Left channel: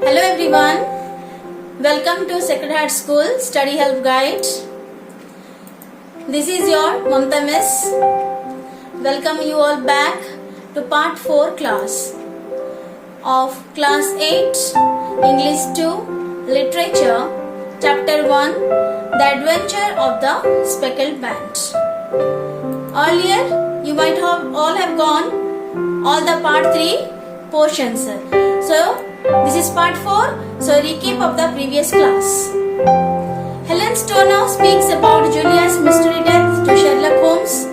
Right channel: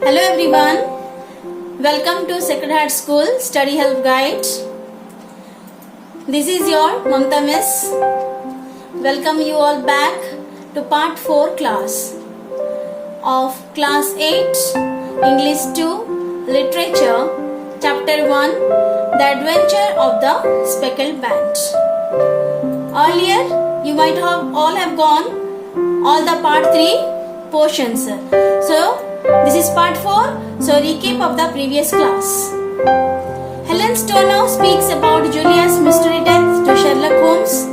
Hello everyone, welcome to Sacred Heart School Study Help Guide. This is your Mamta Miss. Welcome you all back to part 4 class of class 8 English 2 Literature chapter 1 The Adventure of the Speckled Band. Earlier you might have all gone all the part 3 portions. So this is part 4, so recap of the previous class. Helen Stoner speaks about Julia's mystery death to Sherlock Holmes.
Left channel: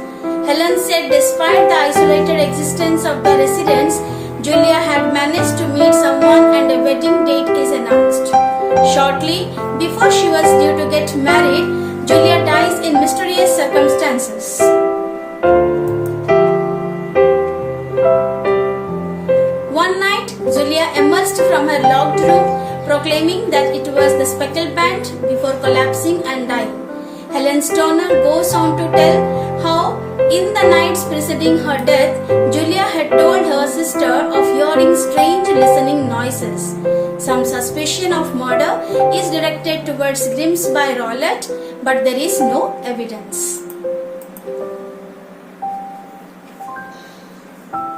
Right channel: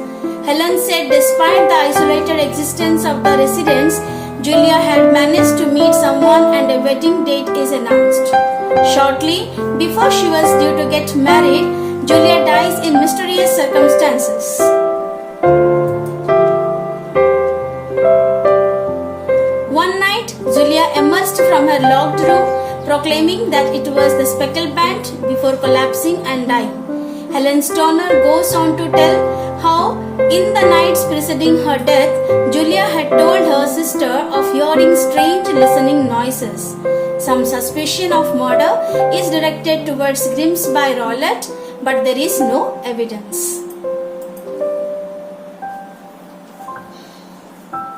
Helen said despite the isolated existence of the residence, Julia had managed to meet someone and a wedding date is announced. Shortly before she was due to get married, Julia dies in mysterious circumstances. One night, Julia emerged from her locked room, proclaiming that it was the Speckled Band before collapsing and dying. Helen Stoner goes on to tell how, in the nights preceding her death, Julia had told her sister of hearing strange listening noises. Some suspicion of murder is directed towards Grimsby Rowlett, but there is no evidence.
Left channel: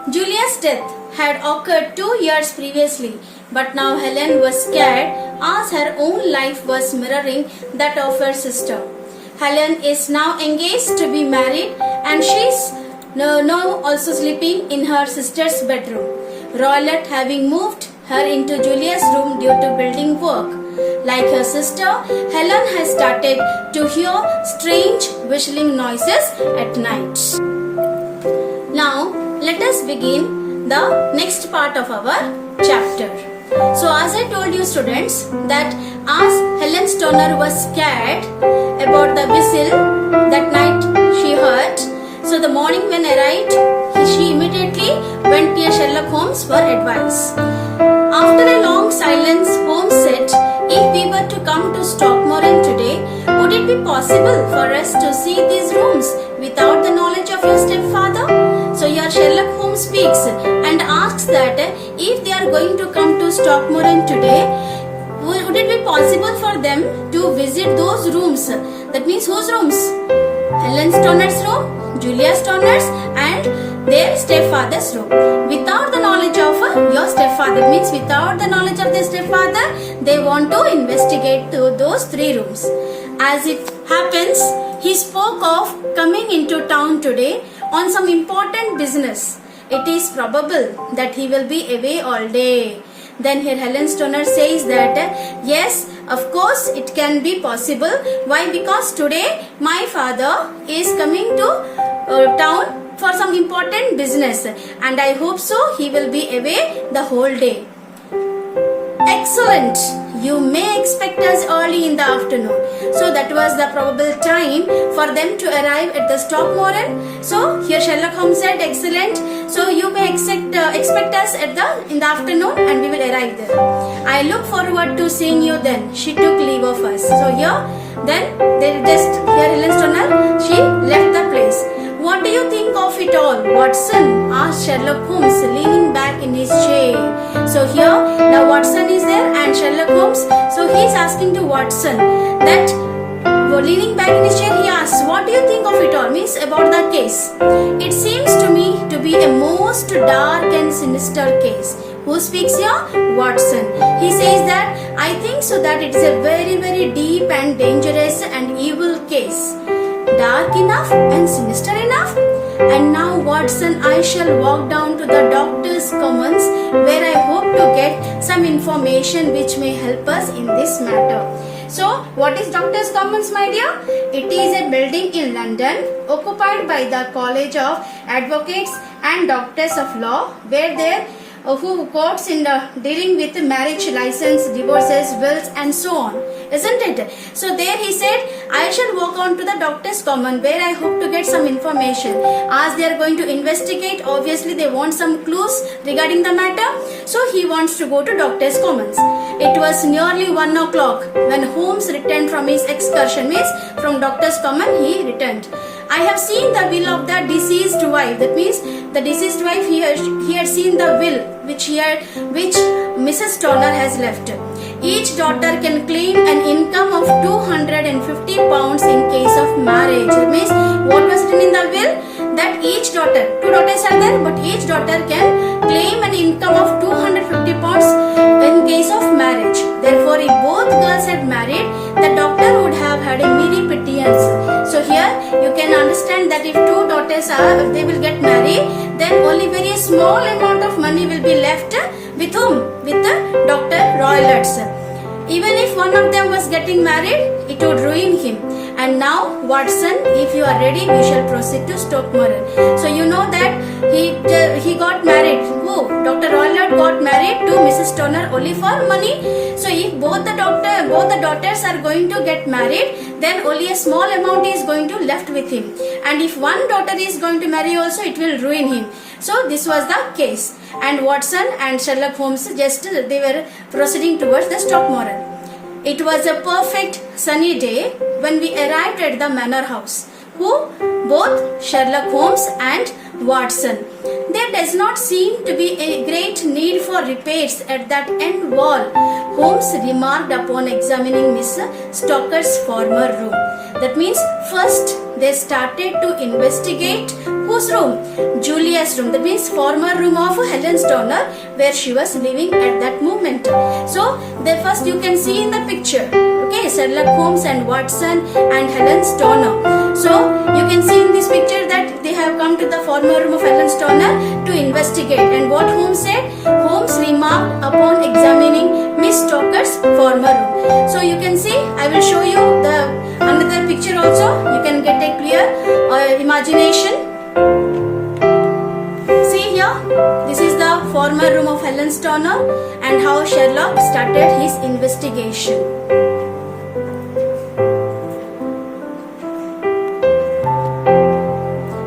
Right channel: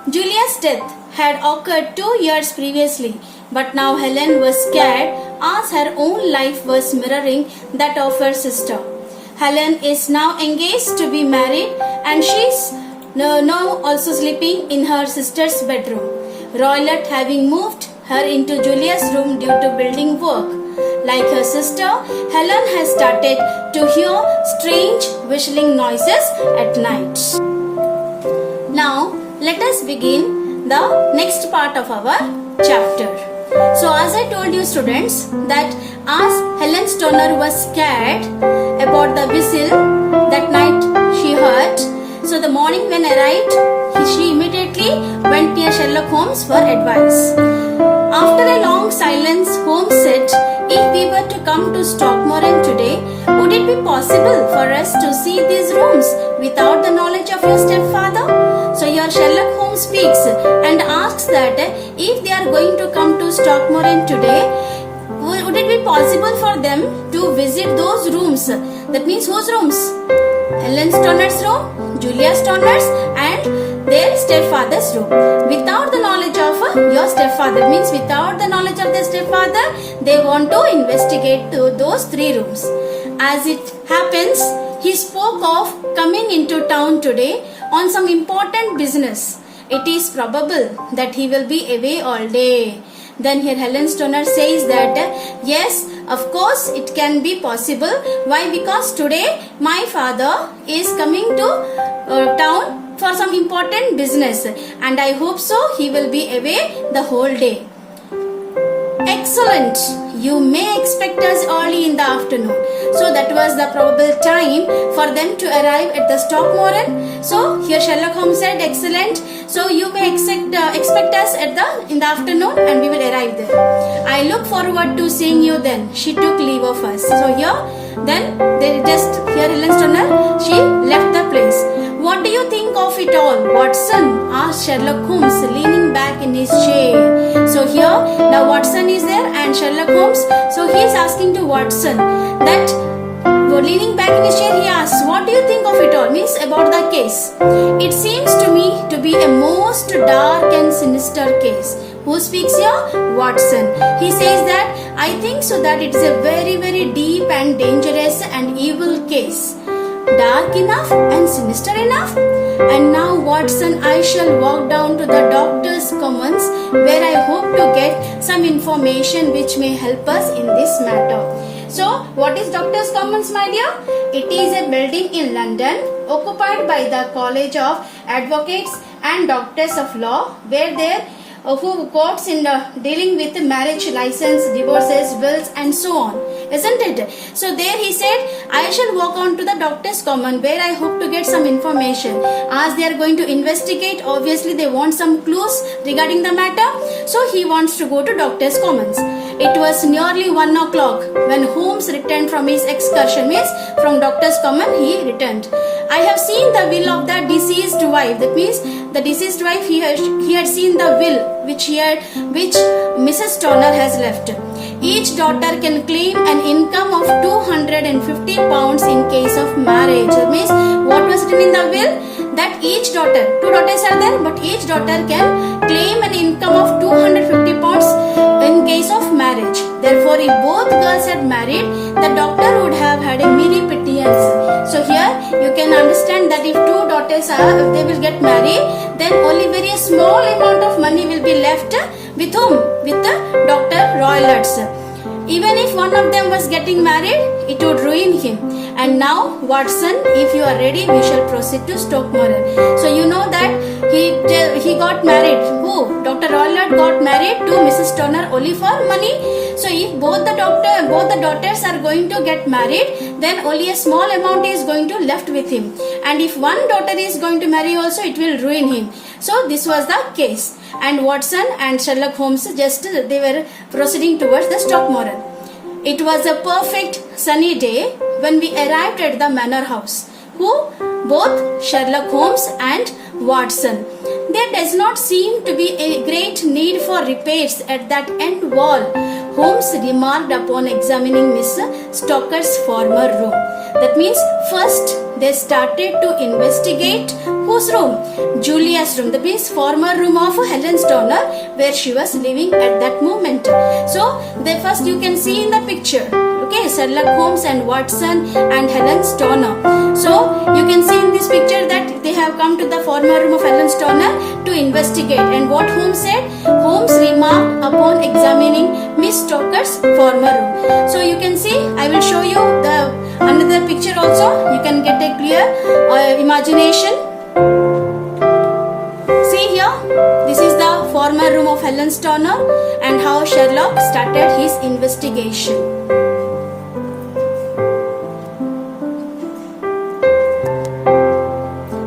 Julia's death had occurred 2 years previously, but now Helen was scared as her own life was mirroring that of her sister. Helen is now engaged to be married and she's now also sleeping in her sister's bedroom. Rowlett having moved her into Julia's room due to building work. Like her sister, Helen has started to hear strange whistling noises at night. Now, let us begin the next part of our chapter. So as I told you students that as Helen Stoner was scared about the whistle that night she heard, so the morning when arrived, she immediately went near Sherlock Holmes for advice. After a long silence, Holmes said, if we were to come to Stockmoran today, would it be possible for us to see these rooms without the knowledge of your stepfather? So here Sherlock Holmes speaks and asks that if they are going to come to Stockmoran today, would it be possible for them to visit those rooms? That means whose rooms? Helen Stoner's room, Julia Stoner's and their stepfather's room. Without the knowledge of your stepfather, means without the knowledge of the stepfather, they want to investigate those 3 rooms. As it happens, he spoke of coming into town today on some important business. It is probable that he will be away all day. Then here Helen Stoner says that yes, of course it can be possible. Why? Because today my father is coming to town for some important business and I hope so he will be away the whole day. Excellent. You may expect us early in the afternoon. So that was the probable time for them to arrive at the Stockmoran. So here Sherlock Holmes said, excellent. So you may expect us in the afternoon and we will arrive there. I look forward to seeing you then. She took leave of us. So here, then they just, here Helen Stoner, she left the place. What do you think of it all, Watson? Asked Sherlock Holmes, leaning back in his chair. So here, now Watson is there and Sherlock Holmes. So he is asking to Watson that, leaning back in his chair, he asks, what do you think of it all? Means about the case. It seems to me to be a most dark and sinister case. Who speaks here? Watson. He says that, I think so that it is a very, very deep and dangerous and evil case. Dark enough and sinister enough? And now Watson, I shall walk down to the Doctor's Commons where I hope to get some information which may help us in this matter. So, what is Doctor's Commons, my dear? It is a building in London occupied by the College of Advocates and Doctors of Law where there who courts in dealing with marriage, license, divorces, wills and so on. Isn't it? So there he said, I shall walk on to the Doctor's Common where I hope to get some information. As they are going to investigate, obviously they want some clues regarding the matter. So he wants to go to Doctor's Commons. It was nearly 1 o'clock when Holmes returned from his excursion. Means from Doctor's Common he returned. I have seen the will of the deceased wife. That means the deceased wife, he had seen the will which Mrs. Turner has left. Each daughter can claim an income of 250 pounds in case of marriage. That means what was written in the will? That each daughter, two daughters are there, but each daughter can claim an income of 250 pounds in case of marriage. Therefore, if both girls had married, the doctor would have had a merry pittance. So here you can understand that if two daughters are, if they will get married, then only very small amount of money will be left with whom? With the Dr. Roylotts. Even if one of them was getting married, it would ruin him. And now, Watson, if you are ready, we shall proceed to Stockmoran. So you know that he got married. Who? Dr. Roylott got married to Mrs. Turner only for money. So if both the daughters are going to get married, then only a small amount is going to left with him. And if one daughter is going to marry also, it will ruin him. So this was the case. And Watson and Sherlock Holmes they were proceeding towards the Stockmoran. It was a perfect sunny day when we arrived at the manor house. Who? Both Sherlock Holmes and Watson. There does not seem to be a great need for repairs at that end wall, Holmes remarked upon examining Miss Stocker's former room. That means first they started to investigate whose room? Julia's room. That means former room of Helen Turner, where she was living at that moment. So they first you can see in the picture. Okay, Sherlock Holmes and Watson and Helen Turner. So you can see in this picture that they have come to the former room of Helen Turner to investigate. And what Holmes said? Holmes remarked upon examining Miss Stocker's former room. So you can see, I will show you the another picture also. You can get a clear imagination. See here, this is the former room of Helen Turner and how Sherlock started his investigation.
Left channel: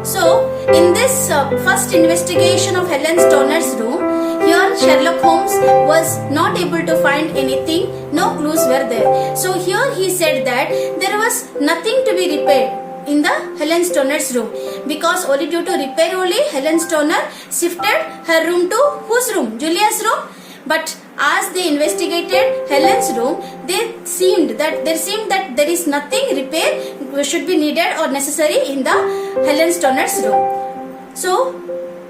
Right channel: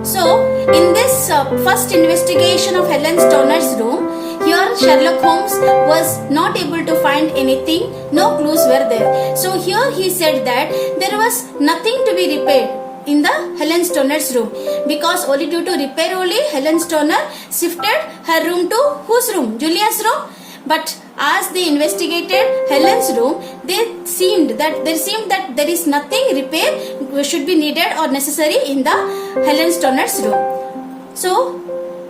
So, in this first investigation of Helen Turner's room, here Sherlock Holmes was not able to find anything, no clues were there. So here he said that there was nothing to be repaired in the Helen Turner's room, because only due to repair only Helen Turner shifted her room to whose room? Julia's room. But as they investigated Helen's room, there seemed that there is nothing repair should be needed or necessary in the Helen Turner's room. So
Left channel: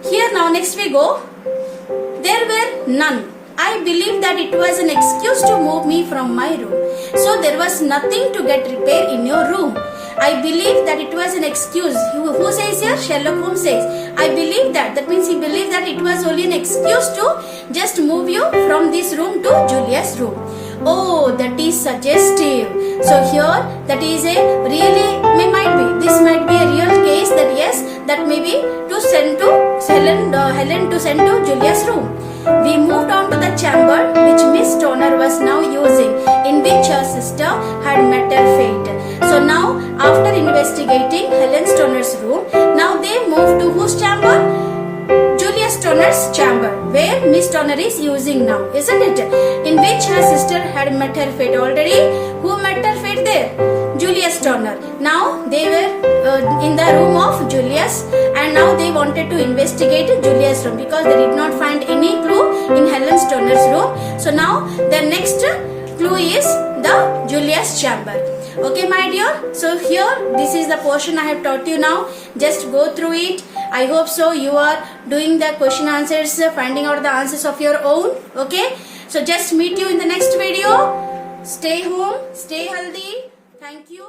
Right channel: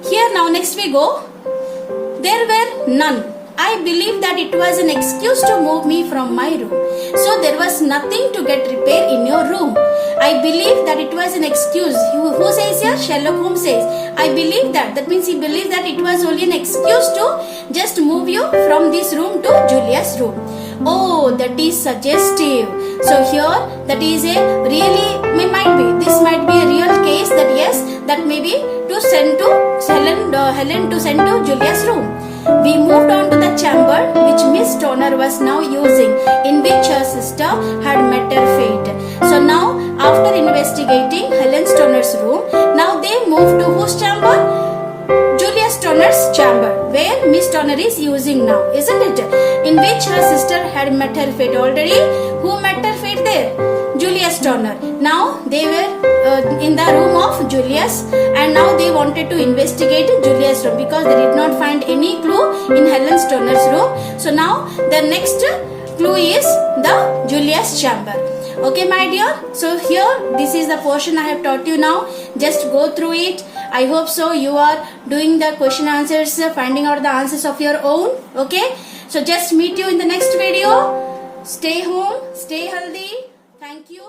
here now next we go. There were none. I believe that it was an excuse to move me from my room. So there was nothing to get repair in your room. I believe that it was an excuse. Who says here? Sherlock Holmes says. I believe that. That means he believed that it was only an excuse to just move you from this room to Julia's room. Oh, that is suggestive. So here, that is a really, this might be a real case that yes, that may be to send to Helen to send to Julia's room. We moved on to the chamber which Miss Turner was now using, in which her sister had met her fate. So now, after investigating Helen Turner's room, now they moved to whose chamber? Julius Turner's chamber, where Miss Turner is using now, isn't it? In which her sister had met her fate already. Who met her fate there? Julius Turner. Now they were in the room of Julius, and now they wanted to investigate Julius' room because they did not find any clue in Helen Turner's room. So now their next clue is the Julius chamber. Okay, my dear. So here, this is the portion I have taught you now. Just go through it. I hope so you are doing the question answers, finding out the answers of your own. Okay. So just meet you in the next video. Stay home, stay healthy. Thank you.